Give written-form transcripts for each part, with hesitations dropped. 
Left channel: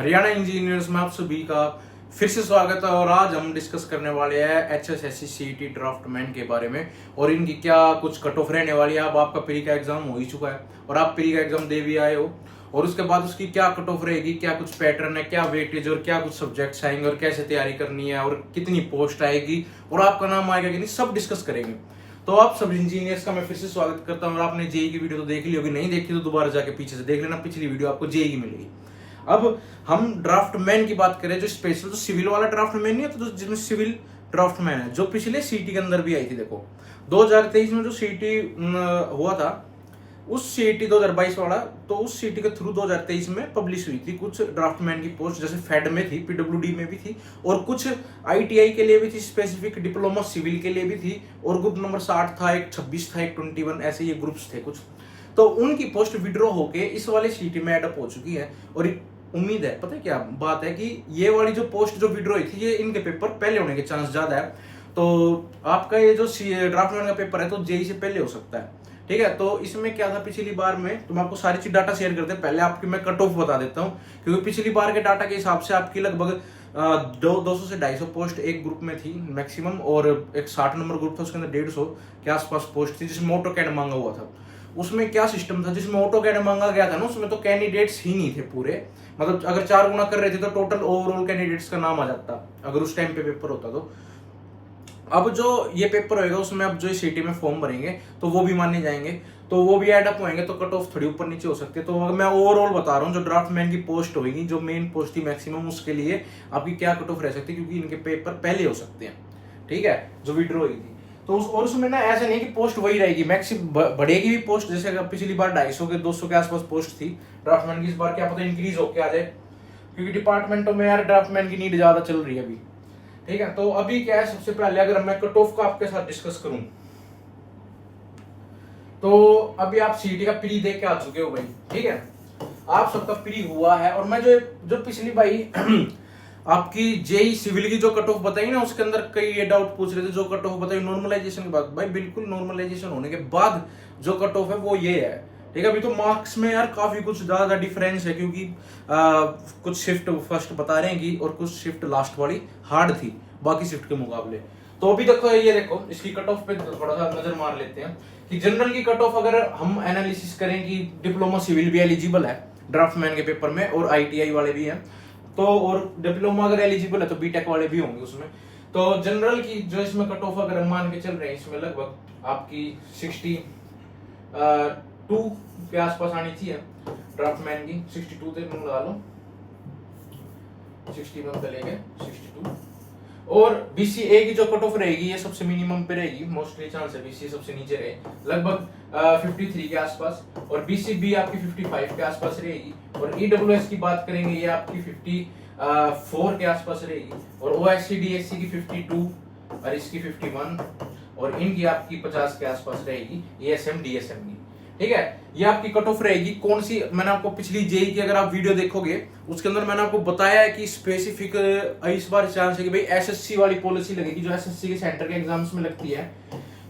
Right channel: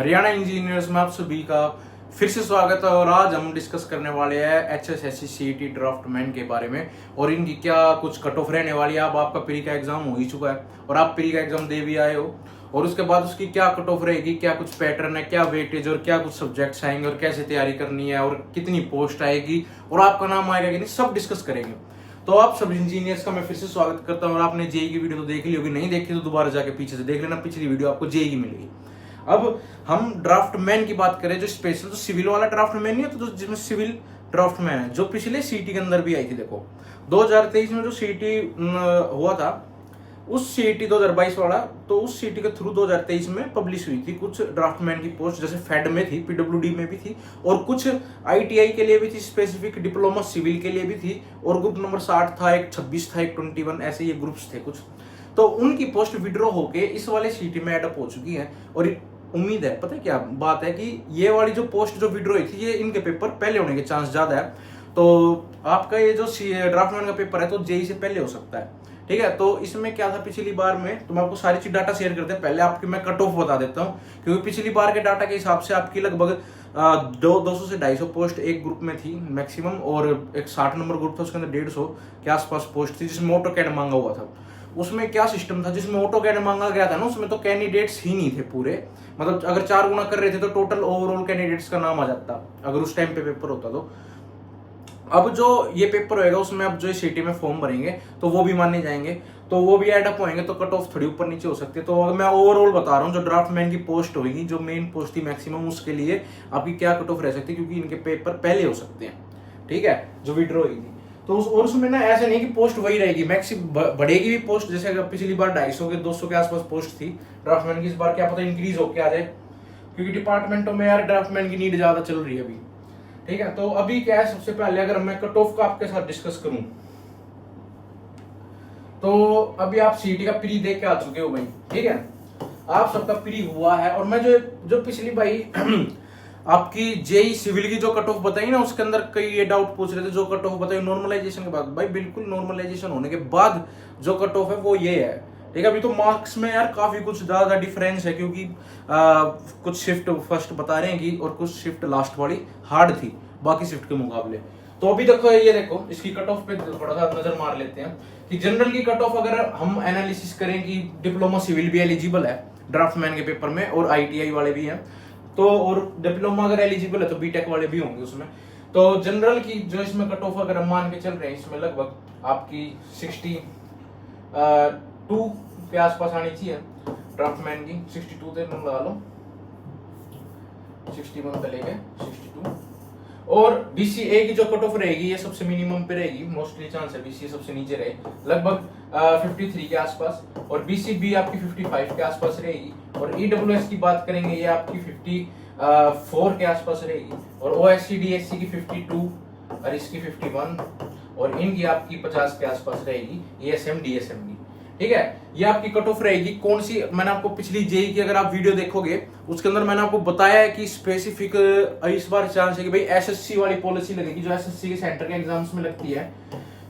Haryana engineers में आप सभी का फिर से स्वागत है। और आज हम डिस्कस करने वाले हैं HSSC CET ड्राफ्टमैन के बारे में और इनकी क्या कुछ कट ऑफ रहने वाली है। अब आपका प्री का एग्जाम हो ही चुका है और आप प्री का एग्जाम दे भी आए हो और उसके बाद उसकी क्या कट ऑफ रहेगी, क्या कुछ पैटर्न है, क्या वेटेज और क्या कुछ सब्जेक्ट्स आएंगे और कैसे तैयारी करनी है और कितनी पोस्ट आएगी और आपका नाम आएगा कि नहीं, सब डिस्कस करेंगे। तो आप सब इंजीनियर्स का मैं फिर से स्वागत करता हूँ। और आपने जेई की वीडियो तो देख ली होगी, नहीं देखी तो दोबारा जाके पीछे से देख लेना, पिछली वीडियो आपको जेई की मिलेगी। अब हम ड्राफ्टमैन की बात करें, जो स्पेशल जो सिविल वाला ड्राफ्टमैन नहीं है, तो जिसमें सिविल ड्राफ्टमैन है, जो पिछले सीटी के अंदर भी आई थी। देखो 2023 में जो सीटी हुआ था, उस सीटी 2022 वाला, तो उस सीटी के थ्रू 2023 में पब्लिश हुई थी कुछ ड्राफ्टमैन की पोस्ट, जैसे फेड में थी, पीडब्ल्यूडी में भी थी और कुछ आईटीआई के लिए भी थी, स्पेसिफिक डिप्लोमा सिविल के लिए भी थी और ग्रुप नंबर 60 था, एक 26 था, एक 21, ऐसे ये ग्रुप्स थे कुछ। तो उनकी पोस्ट विड्रॉ होके इस वाले सीटी में एडअप हो चुकी है और उम्मीद है, पता है क्या बात है, कि ये वाली जो पोस्ट जो विड्रॉ हुई थी, ये इनके पेपर पहले होने के चांस ज्यादा है। तो आपका ये जो ड्राफ्टमैन का पेपर है तो जेई से पहले हो सकता है, ठीक है। तो इसमें क्या था पिछली बार में, तो मैं आपको सारी चीज डाटा शेयर करते हैं। पहले आपकी मैं कट ऑफ बता देता हूँ, क्योंकि पिछली बार के डाटा के हिसाब से आपकी लगभग 200 से 250 पोस्ट एक ग्रुप में थी मैक्सिमम, और एक 60 नंबर ग्रुप था, उसके अंदर 150 के आसपास पोस्ट थी, जिसमें ऑटोकैड मांगा हुआ था। उसमें क्या सिस्टम था, जिसमें ऑटोकैड मांगा गया था ना, उसमें तो कैंडिडेट्स ही नहीं थे पूरे, मतलब अगर 4 गुना कर रहे थे तो टोटल ओवरऑल कैंडिडेट्स का नाम आ जाता अगर उस टाइम पे पेपर होता तो। अब जो ये पेपर होएगा उसमें अब जो सीटी में फॉर्म भरेंगे तो वो भी माने जाएंगे, तो वो भी एडअप होंगे, तो कट ऑफ थोड़ी ऊपर नीचे हो सकती है। तो मैं ओवरऑल बता रहा हूँ, जो ड्राफ्टमैन की पोस्ट होगी, जो मेन पोस्ट थी मैक्सिमम, उसके लिए आपकी क्या कट ऑफ रह सकती है, क्योंकि इनके पेपर पहले हो सकते हैं, ठीक है, जो विड्रॉ होगी। तो और उसमें ना ऐसा नहीं है कि पोस्ट वही रहेगी, मैक्सिमम बढ़ेगी भी पोस्ट। जैसे अगर पिछली बार 250 के 200 के आसपास पोस्ट थी ड्राफ्टमैन की, इस बार क्या पता इंक्रीज होके आ जाए, क्योंकि डिपार्टमेंटों में यार ड्राफ्टमैन की नीड ज्यादा चल रही है अभी, ठीक है। तो अभी क्या है, सबसे पहले अगर मैं कट ऑफ का आपके साथ डिस्कस करूं, तो अभी आप सीटी का प्री देख के आ चुके हो भाई, ठीक है, आप सबका प्री हुआ है। और मैं जो पिछली भाई आपकी जेई सिविल की जो कट ऑफ बताई ना, उसके अंदर कई ये डाउट पूछ रहे थे, जो कट ऑफ बताई नॉर्मलाइजेशन के बाद, भाई बिल्कुल नॉर्मलाइजेशन होने के बाद जो कट ऑफ है वो ये है, ठीक है। अभी तो मार्क्स में यार काफी कुछ ज्यादा डिफरेंस है, क्योंकि कुछ शिफ्ट फर्स्ट बता रहे हैं कि, और कुछ शिफ्ट लास्ट वाली हार्ड थी बाकी शिफ्ट के मुकाबले। तो अभी देखो, ये देखो इसकी कट ऑफ पे थोड़ा सा नजर मार लेते हैं कि जनरल की कट ऑफ अगर हम एनालिसिस करें कि डिप्लोमा सिविल भी एलिजिबल है ड्राफ्टमैन के पेपर में और आईटीआई वाले भी हैं, तो और डिप्लोमा अगर एलिजिबल है तो बीटेक वाले भी होंगे उसमें। तो जनरल की जो इसमें कट ऑफ अगर हम मान के चल रहे हैं, इसमें लगभग आपकी 62 के आसपास आनी चाहिए ड्राफ्टमैन की, 62 तक लगा लो, 61 तक लेके 62। और बीसीए की जो कट ऑफ रहेगी ये सबसे मिनिमम पे रहेगी, मोस्टली चांस है बीसीए सबसे नीचे रहे, लगभग 53 के आसपास, और बीसीबी आपकी 55 के आसपास रहेगी। और ईडब्ल्यूएस की बात करेंगे, ये आपकी 54 के आसपास रहेगी, और ओएससी डीएससी की 52 और इसकी 51, और इनकी आपकी 50 के आसपास रहेगी, एएसएम डीएसएम की, ठीक है। ये आपकी कट ऑफ रहेगी। कौन सी, मैंने आपको पिछली जेई की अगर आप वीडियो देखोगे उसके अंदर मैंने आपको बताया है कि स्पेसिफिक इस बार चांस है कि भाई एसएससी वाली पॉलिसी लगेगी, जो एसएससी के सेंटर के एग्जाम्स में लगती है,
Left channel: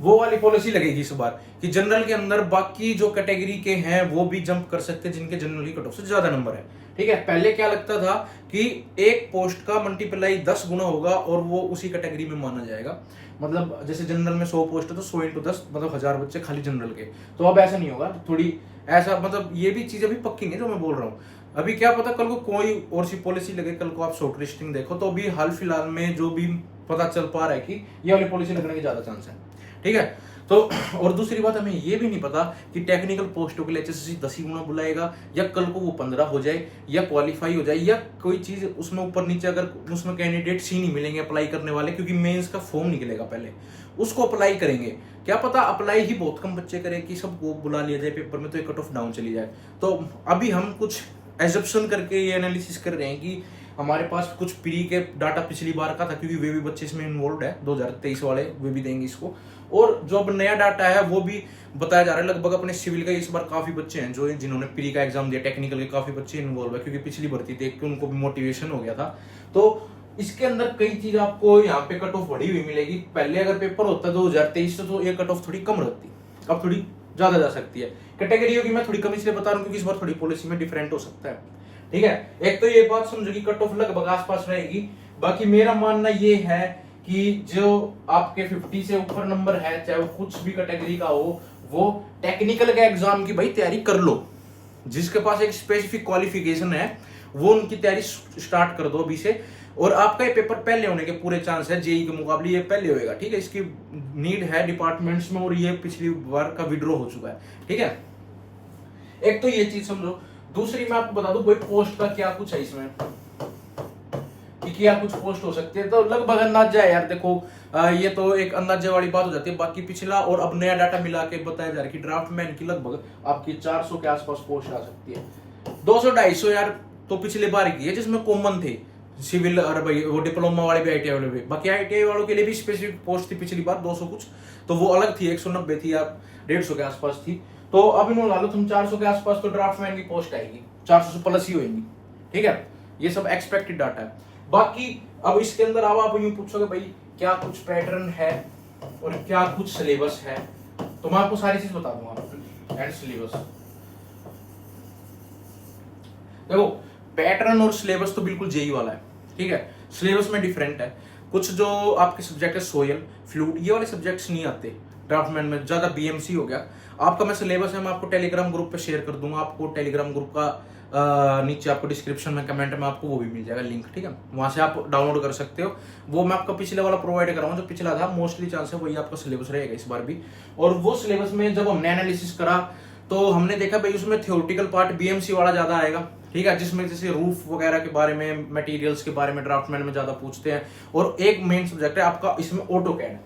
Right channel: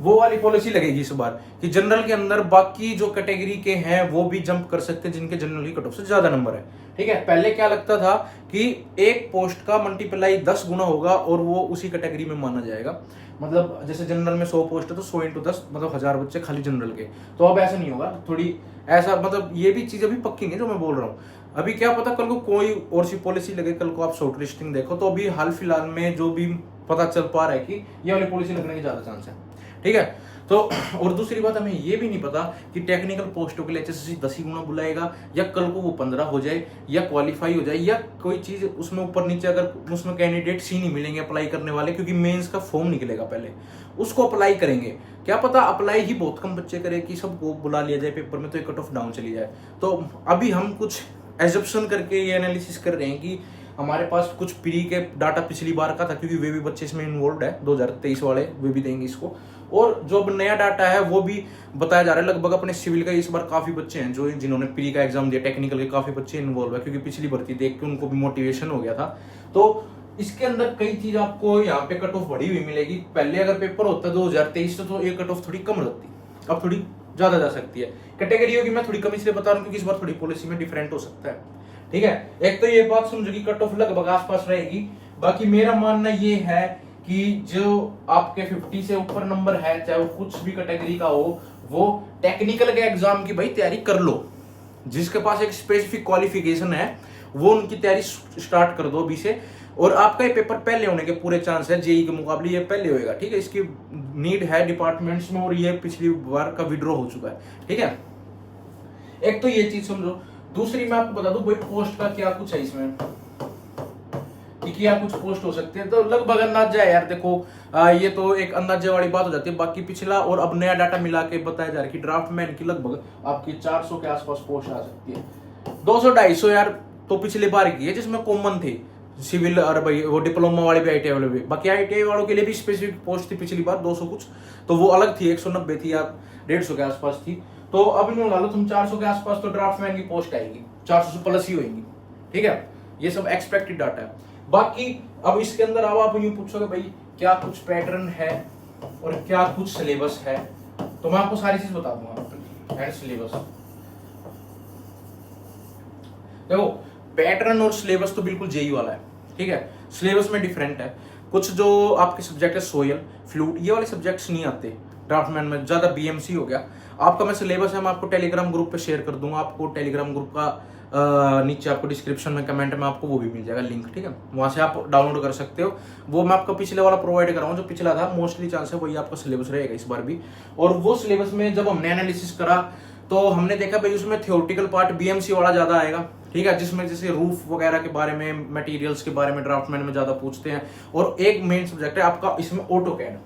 वो वाली पॉलिसी लगेगी इस बार, कि जनरल के अंदर बाकी जो कैटेगरी के हैं वो भी जंप कर सकते हैं जिनके जनरल की कट ऑफ से ज्यादा नंबर है, ठीक है। पहले क्या लगता था कि एक पोस्ट का मल्टीप्लाई 10 गुना होगा और वो उसी कैटेगरी में माना जाएगा, मतलब जैसे जनरल में 100 पोस्ट है तो 100 × 10 मतलब 1000 बच्चे खाली जनरल के। तो अब ऐसा नहीं होगा, थोड़ी ऐसा, मतलब ये भी चीज अभी पक्की नहीं जो मैं बोल रहा हूँ। अभी क्या पता कल को कोई और सी पॉलिसी लगे, कल को आप शॉर्ट लिस्टिंग देखो, तो अभी हाल फिलहाल में जो भी पता चल पा रहा है कि ये वाली पॉलिसी लगने के ज्यादा चांस है, ठीक है। तो और दूसरी बात, हमें ये भी नहीं पता कि टेक्निकल पोस्टों के लिए एचएसएससी 10 ही गुना बुलाएगा, या कल को वो 15 हो जाए, या क्वालिफाई हो जाए, या कोई चीज उसमें ऊपर नीचे, अगर उसमें कैंडिडेट्स ही नहीं मिलेंगे अप्लाई करने वाले, क्योंकि मेंस का फॉर्म निकलेगा पहले, उसको अप्लाई करेंगे, क्या पता अप्लाई ही बहुत कम बच्चे करें कि सबको बुला लिया जाए पेपर में, तो ये कट ऑफ डाउन चली जाए। तो अभी हम कुछ एजप्शन करके ये एनालिसिस कर रहे हैं कि हमारे पास कुछ प्री के डाटा पिछली बार का था, क्योंकि वे भी बच्चे इसमें इन्वॉल्व है, 2023 वाले वे भी देंगे इसको, और जो अब नया डाटा है वो भी बताया जा रहा है। लगभग अपने सिविल का इस बार काफी बच्चे हैं जो जिन्होंने प्री का एग्जाम दिया, टेक्निकल के काफी बच्चे इन्वॉल्व है, क्योंकि पिछली भर्ती देख के उनको भी मोटिवेशन हो गया था। तो इसके अंदर कई चीज आपको यहाँ पे कट ऑफ बढ़ी हुई मिलेगी। पहले अगर पेपर होता 2023 तो ये कट ऑफ थोड़ी कम रहती, अब थोड़ी ज्यादा जा सकती है। कैटेगरियों की मैं थोड़ी कम इसलिए बता रहा हूँ क्योंकि इस बार थोड़ी पॉलिसी में डिफरेंट हो सकता है। ठीक है, एक तो ये बात समझो कि कट ऑफ लगभग आसपास रहेगी। बाकी मेरा मानना ये है कि जो आपके 50 से ऊपर नंबर है, चाहे वो कुछ भी कैटेगरी का हो, वो टेक्निकल के एग्जाम की भाई तैयारी कर लो। जिसके पास एक स्पेसिफिक क्वालिफिकेशन है वो उनकी तैयारी स्टार्ट कर दो अभी से। और आपका ये पेपर पहले होने के पूरे चांस है, जेई के मुकाबले ये पहले होएगा। ठीक है, इसकी नीड है डिपार्टमेंट्स में और ये पिछली बार का विड्रॉ हो चुका है। ठीक है, एक तो ये चीज समझो। दूसरी मैं आपको बता दूं भाई पोस्ट का क्या कुछ है इसमें, कि क्या कुछ पोस्ट हो सकती है। तो लगभग अंदाजा है यार, देखो ये तो एक अंदाजे वाली बात हो जाती है। बाकी पिछला और अब नया डाटा मिला के बताया जा रहा है कि ड्राफ्टमैन की लगभग आपकी 400 के आसपास पोस्ट आ सकती है। 200-250 यार तो पिछले बार की है जिसमें कॉमन थे सिविल और भाई वो डिप्लोमा वाले भी, ITI वाले भी। बाकी ITI वालों के लिए भी स्पेसिफिक पोस्ट थी पिछली बार 200 कुछ, तो वो अलग थी, 190 थी या 150 के आसपास थी। तो अब इन्होंने ला लो तुम 400 के आसपास तो ड्राफ्टमैन की पोस्ट आएगी, 400 से प्लस ही होगी। ठीक है, ये सब एक्सपेक्टेड डाटा है। बाकी अब इसके अंदर अब आप यूं पूछोगे भाई क्या कुछ पैटर्न है और क्या कुछ सिलेबस है, तो मैं आपको सारी चीज बता दूंगा। एंड सिलेबस देखो, पैटर्न और सिलेबस तो बिल्कुल जेई वाला है। ठीक है, सिलेबस में डिफरेंट है। कुछ जो आपके सब्जेक्ट है सोयल, फ्लूइड, ये वाले सब्जेक्ट्स नहीं आते ड्राफ्टमैन में, ज्यादा बीएमसी हो गया। आपका मैं सिलेबस है मैं आपको टेलीग्राम ग्रुप पे शेयर कर दूंगा। आपको टेलीग्राम ग्रुप का नीचे आपको डिस्क्रिप्शन में कमेंट में आपको वो भी मिल जाएगा लिंक। ठीक है, वहां से आप डाउनलोड कर सकते हो। वो मैं आपको पिछले वाला प्रोवाइड कराऊंगा, जो पिछला था मोस्टली चांस है वही आपका सिलेबस रहेगा इस बार भी। और वो सिलेबस में जब हमने एनालिसिस करा तो हमने देखा भाई उसमें थियोरेटिकल पार्ट बीएमसी वाला ज्यादा आएगा। ठीक है, जिसमें जैसे रूफ वगैरह के बारे में, मटेरियल्स के बारे में ड्राफ्टमैन में ज्यादा पूछते हैं। और एक मेन सब्जेक्ट है आपका इसमें ऑटो कैड।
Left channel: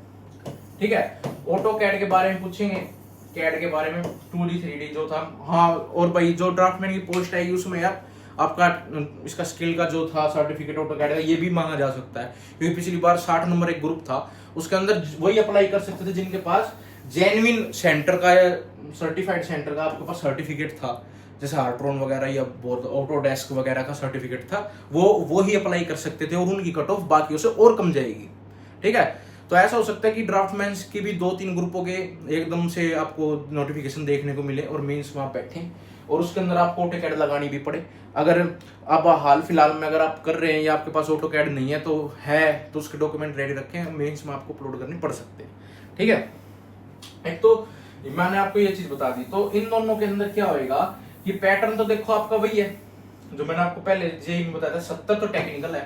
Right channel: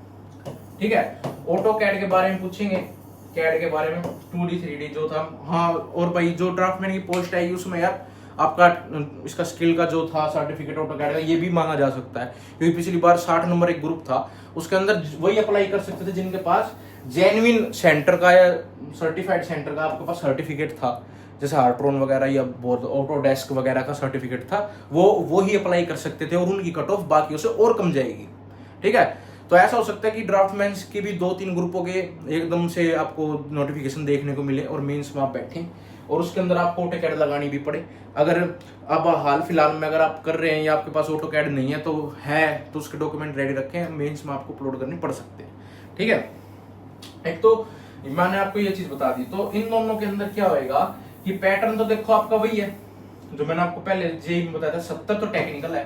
ठीक है, ऑटो कैड के बारे में पूछेंगे, कैड के बारे में 2D 3D जो था। हाँ, और भाई जो ड्राफ्टमैन की पोस्ट आएगी उसमें यार आपका इसका स्किल का जो था सर्टिफिकेट ऑटो कैड का, ये भी मांगा जा सकता है। क्योंकि पिछली बार 60 नंबर एक ग्रुप था, उसके अंदर वही अप्लाई कर सकते थे जिनके पास जेन्युइन सेंटर का या सर्टिफाइड सेंटर का आपके पास सर्टिफिकेट था, जैसे हार्ट्रोन वगैरह या ऑटोडेस्क वगैरह का सर्टिफिकेट था, वो ही अप्लाई कर सकते थे और उनकी कट ऑफ बाकियों से और कम जाएगी। ठीक है, तो ऐसा हो सकता है कि ड्राफ्टमैन की भी 2-3 ग्रुपों के एकदम से आपको नोटिफिकेशन देखने को मिले और मेंस में आप बैठे और उसके अंदर आपको ऑटो कैड लगानी भी पड़े। अगर अब हाल फिलहाल में अगर आप कर रहे हैं या आपके पास ऑटो कैड नहीं है तो उसके डॉक्यूमेंट रेडी रखें, मेंस में आपको अपलोड करनी पड़ सकते हैं। ठीक है, एक तो मैंने आपको ये चीज बता दी। तो इन दोनों के अंदर क्या होएगा कि पैटर्न तो देखो आपका वही है जो मैंने आपको पहले जेई में बताया था। 70 तो टेक्निकल है।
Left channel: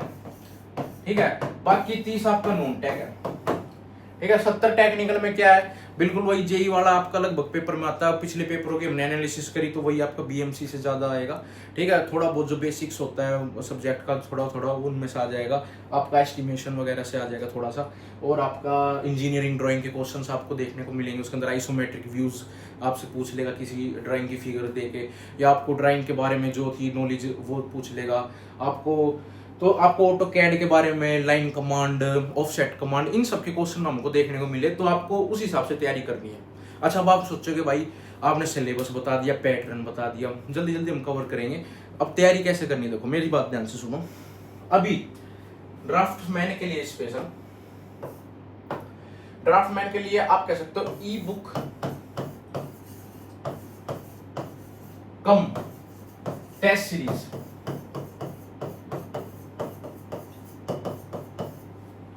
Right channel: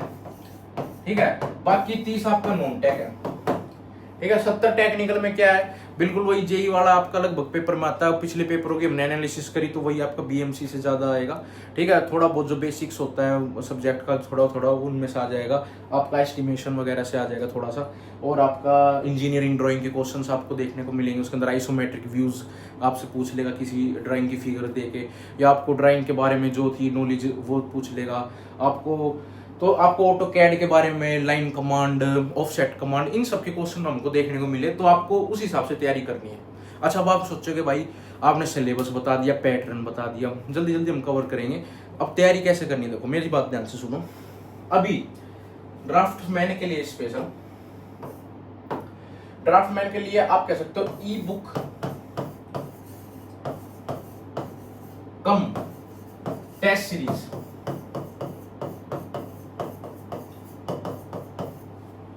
ठीक है, बाकी 30 आपका नॉन टेक है। ठीक है, 70 टेक्निकल में क्या है, बिल्कुल वही जेई वाला आपका लगभग पेपर में आता है। पिछले पेपरों की हमने एनालिसिस करी तो वही आपका बीएमसी से ज्यादा आएगा। ठीक है, थोड़ा बहुत जो बेसिक्स होता है सब्जेक्ट का थोड़ा थोड़ा उनमें से आ जाएगा, आपका एस्टिमेशन वगैरह से आ जाएगा थोड़ा सा। और आपका इंजीनियरिंग ड्राइंग के क्वेश्चंस आपको देखने को मिलेंगे। उसके अंदर आइसोमेट्रिक व्यूज आपसे पूछ लेगा किसी ड्राइंग की फिगर दे के, या आपको ड्राइंग के बारे में जो थी नॉलेज वो पूछ लेगा आपको। तो आपको ऑटो कैड के बारे में, लाइन कमांड, ऑफसेट कमांड, इन सब के क्वेश्चन हमको देखने को मिले, तो आपको उस हिसाब से तैयारी करनी है। अच्छा, अब आप सोचोगे भाई आपने सिलेबस बता दिया, पैटर्न बता दिया, जल्दी जल्दी हम कवर करेंगे, अब तैयारी कैसे करनी है? देखो मेरी बात ध्यान से सुनो। अभी ड्राफ्टमैन के लिए स्पेशल, ड्राफ्टमैन के लिए आप कह सकते हो ई बुक कम टेस्ट सीरीज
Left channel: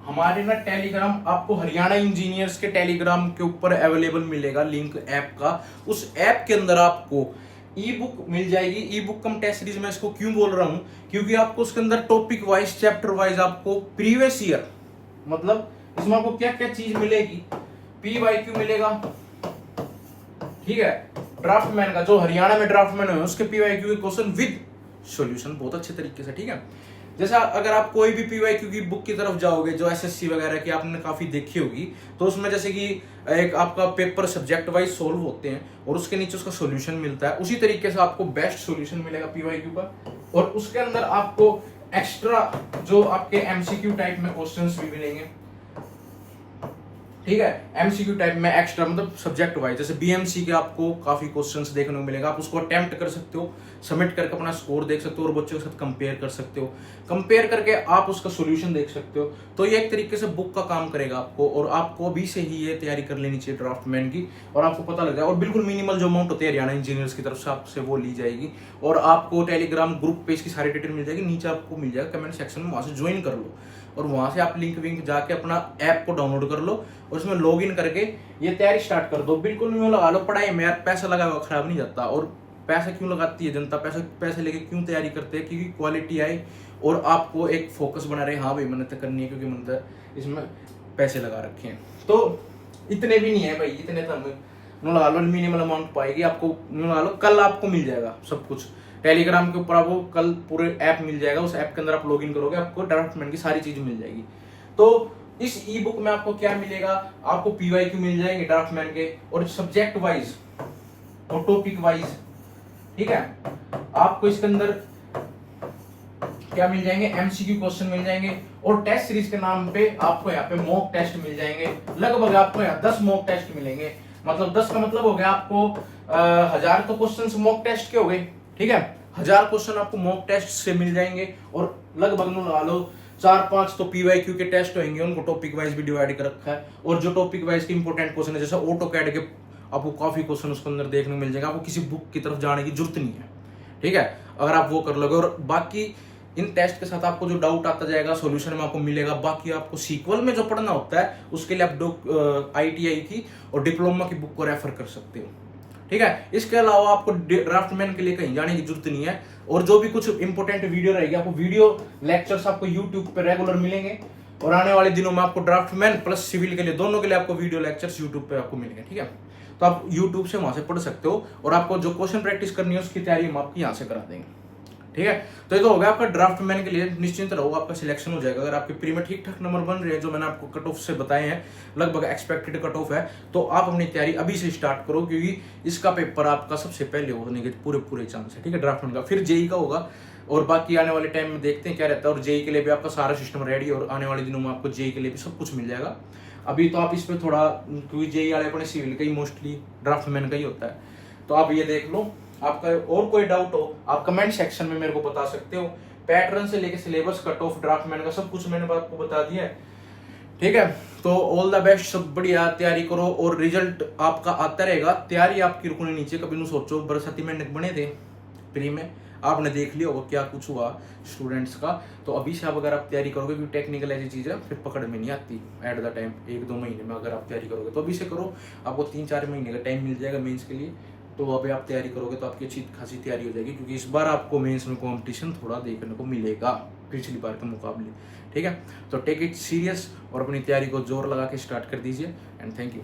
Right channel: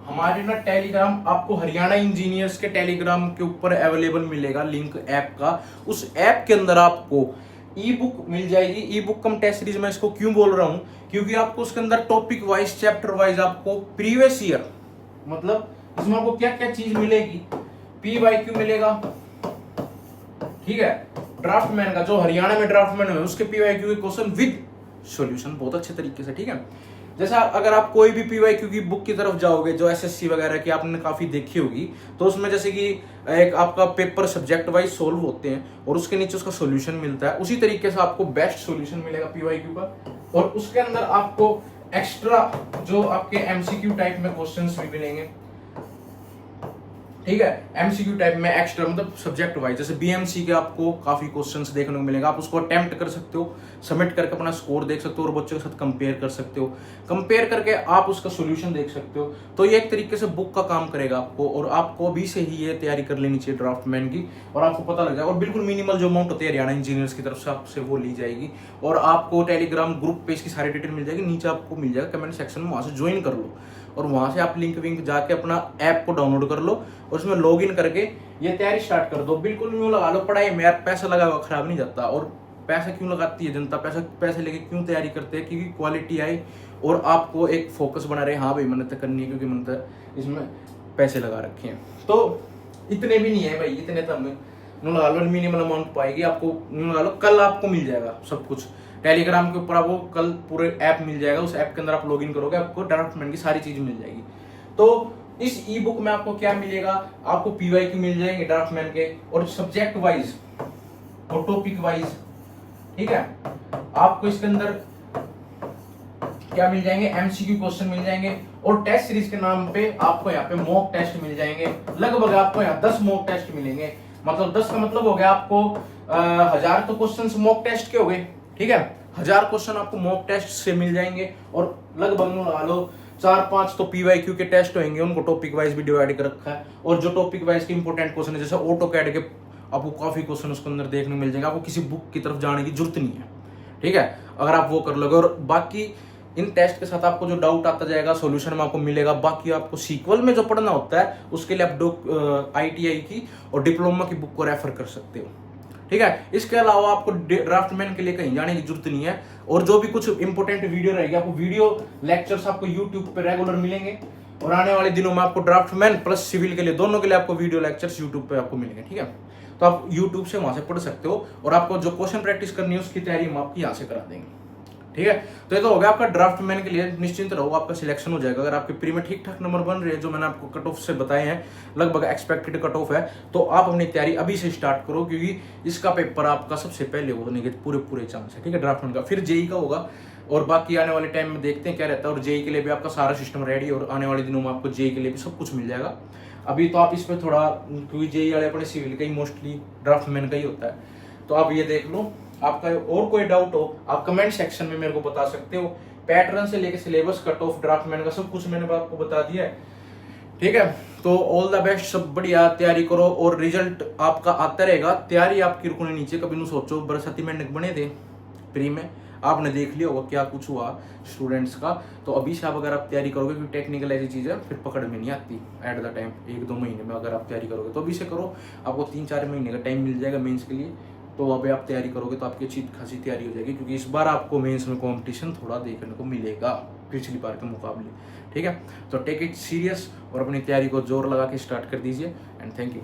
हमारे ना टेलीग्राम, आपको हरियाणा इंजीनियर्स के टेलीग्राम के ऊपर अवेलेबल मिलेगा लिंक ऐप का। उस ऐप के अंदर आपको ई बुक मिल जाएगी। ई बुक कम टेस्ट सीरीज मैं इसको क्यों बोल रहा हूं, क्योंकि आपको उसके अंदर टॉपिक वाइज, चैप्टर वाइज आपको प्रीवियस ईयर, मतलब इसमें आपको क्या क्या चीज मिलेगी, PYQ मिलेगा। ठीक है, ड्राफ्टमैन का जो हरियाणा में ड्राफ्टमैन है उसके PYQ के क्वेश्चन विद सॉल्यूशन बहुत अच्छे तरीके से। ठीक है, जैसा अगर आप कोई भी PYQ की बुक की तरफ जाओगे जो SSC वगैरह की आपने काफी देखी होगी, तो उसमें जैसे कि एक आपका पेपर सब्जेक्ट वाइज सोल्व होते हैं और उसके नीचे उसका सॉल्यूशन मिलता है, उसी तरीके से आपको बेस्ट सॉल्यूशन मिलेगा PYQ का। और उसके अंदर आपको एक्स्ट्रा जो आपके MCQ टाइप में क्वेश्चंस भी मिलेंगे। ठीक है, MCQ टाइप में एक्स्ट्रा मतलब सब्जेक्ट वाइज, जैसे BMC के आपको काफी क्वेश्चंस देखने को मिलेगा, आप उसको अटेम्प्ट कर सकते हो सबमिट करके अपना स्कोर देख सकते हो और बच्चों के साथ कंपेयर कर सकते हो। कंपेयर करके आप उसका सोल्यूशन देख सकते हो। तो ये एक तरीके से बुक का काम करेगा आपको, और आपको अभी से ही ये तैयारी कर लेनी चाहिए ड्राफ्टमैन की, और आपको पता लग जाए। और बिल्कुल मिनिमल जो अमाउंट होती है हरियाणा इंजीनियर्स की तरफ से आपसे वो ली जाएगी, और आपको टेलीग्राम ग्रुप पे इसकी सारी डिटेल मिल जाएगी, नीचे आपको मिल जाएगा कमेंट सेक्शन में, वहां से ज्वाइन कर लो और वहां से आप लिंक विंक जाके अपना ऐप को डाउनलोड कर लो और उसमें लॉग इन करके ये तैयारी स्टार्ट कर दो। बिल्कुल यूं लगा लो पढ़ाई में यार पैसा लगा हुआ खराब नहीं जाता। और पैसा क्यों लगाती है जनता, पैसे लेके क्यों तैयारी करते हैं, क्योंकि क्वालिटी आए और आपको एक फोकस बना रहे, हाँ भाई मेहनत करनी है क्योंकि मेहनत इसमें पैसे लगा रखे हैं। तो इतने भी नहीं है भाई, इतने तो हमें लगा लो मिनिमल अमाउंट पाएगी आपको, लगा लो कल आपको मिल जाएगा सब कुछ टेलीग्राम के ऊपर। आपको कल पूरे ऐप मिल जाएगा, उस ऐप के अंदर आप लॉगिन करोगे आपको ड्राफ्टमैन की सारी चीज मिल जाएगी। तो इस ई बुक में आपको क्या मिलेगा, आपको पीवाईक्यू मिल जाएंगे ड्राफ्टमैन के, और सब्जेक्ट वाइज और टॉपिक वाइज, ठीक है। आपको इसके अंदर क्या मिल जाएंगे, एमसीक्यू क्वेश्चन मिल जाएंगे, और टेस्ट सीरीज के नाम पे आपको यहाँ पे मॉक टेस्ट मिल जाएंगे। लगभग आपको यहाँ 10 मॉक टेस्ट मिलेंगे, मतलब 10 का मतलब हो गया आपको 1000 तो क्वेश्चन मॉक टेस्ट के हो गए, ठीक है। 1000 क्वेश्चन आपको मॉक टेस्ट से मिल जाएंगे, और लगभग लगा लो 4-5 तो पीवाईक्यू के टेस्ट होंगे, उनको टॉपिक वाइज भी डिवाइड कर रखा है। और जो टॉपिक वाइज के इंपॉर्टेंट क्वेश्चन है, जैसे ऑटो कैड के आपको काफी क्वेश्चन उसके अंदर देखने को मिल जाएगा, आपको किसी बुक की तरफ जाने की जरूरत नहीं है, ठीक है, अगर आप वो कर लोगे। और बाकी इन टेस्ट के साथ आपको जो डाउट आता जाएगा सोल्यूशन में आपको मिलेगा। बाकी आपको सीक्वल में जो पढ़ना होता है उसके लिए आप ITI की और डिप्लोमा की बुक को रेफर कर सकते हो, ठीक है। इसके अलावा आपको ड्राफ्टमैन के लिए कहीं जाने की जरूरत नहीं है। और जो भी कुछ इंपॉर्टेंट वीडियो रहेगी, आपको वीडियो लेक्चर्स आपको यूट्यूब पे रेगुलर मिलेंगे, और आने वाले दिनों में आपको ड्राफ्टमैन प्लस सिविल के लिए दोनों के लिए आपको वीडियो लेक्चर्स यूट्यूब पे आपको मिलेंगे, ठीक है। तो आप यूट्यूब से वहां से पढ़ सकते हो, और आपको जो क्वेश्चन प्रैक्टिस करनी है उसकी तैयारी हम आपकी यहाँ से करा देंगे, ठीक है। तो ये तो हो गया आपका ड्राफ्टमैन के लिए, निश्चिंत रहो आपका सिलेक्शन हो जाएगा। अगर आपके प्री में ठीक ठाक नंबर बन रहे हैं, जो मैंने आपको कट ऑफ से बताए हैं, लगभग एक्सपेक्टेड कट ऑफ है, तो आप अपनी तैयारी अभी से स्टार्ट करो, क्योंकि इसका पेपर आपका सबसे पहले होने के पूरे चांस है, ठीक है, ड्राफ्टमैन का। फिर जेई का होगा, और बाकी आने वाले टाइम में देखते हैं क्या रहता है। और जेई के लिए भी आपका सारा सिस्टम रेडी, और आने वाले दिनों में आपको जेई के लिए भी सब कुछ मिल जाएगा। अभी तो आप इस पर थोड़ा, क्योंकि जेई वाले अपने सिविल का ही मोस्टली ड्राफ्टमैन का ही होता है, तो आप ये देख लो। आपका और कोई डाउट हो आप कमेंट सेक्शन में मेरे को बता सकते हो। पैटर्न से लेके सिलेबस, कट ऑफ, ड्राफ्टमैन का सब कुछ मैंने आपको बता दिया है, ठीक है। तो ऑल द बेस्ट, सब बढ़िया तैयारी करो, और रिजल्ट आपका आता रहेगा। तैयारी आपकी रुकनी नीचे, कभी नहीं सोचो बरसाती में बने थे प्री में, आपने देख लिया होगा क्या कुछ हुआ स्टूडेंट्स का। तो अभी से आप अगर आप तैयारी करोगे, क्योंकि टेक्निकल ऐसी चीज है फिर पकड़ में नहीं आती एट द टाइम। 1-2 महीने में अगर आप तैयारी करोगे तो अभी से करो, आपको 3-4 महीने का टाइम मिल जाएगा मेंस के लिए। तो अभी आप तैयारी करोगे तो आपकी अच्छी खासी तैयारी हो जाएगी, क्योंकि इस बार आपको मेंस में कंपटीशन थोड़ा देखने को मिलेगा पिछली बार के मुकाबले, ठीक है। तो टेक इट सीरियस और अपनी तैयारी को जोर लगा के स्टार्ट कर दीजिए, एंड थैंक यू।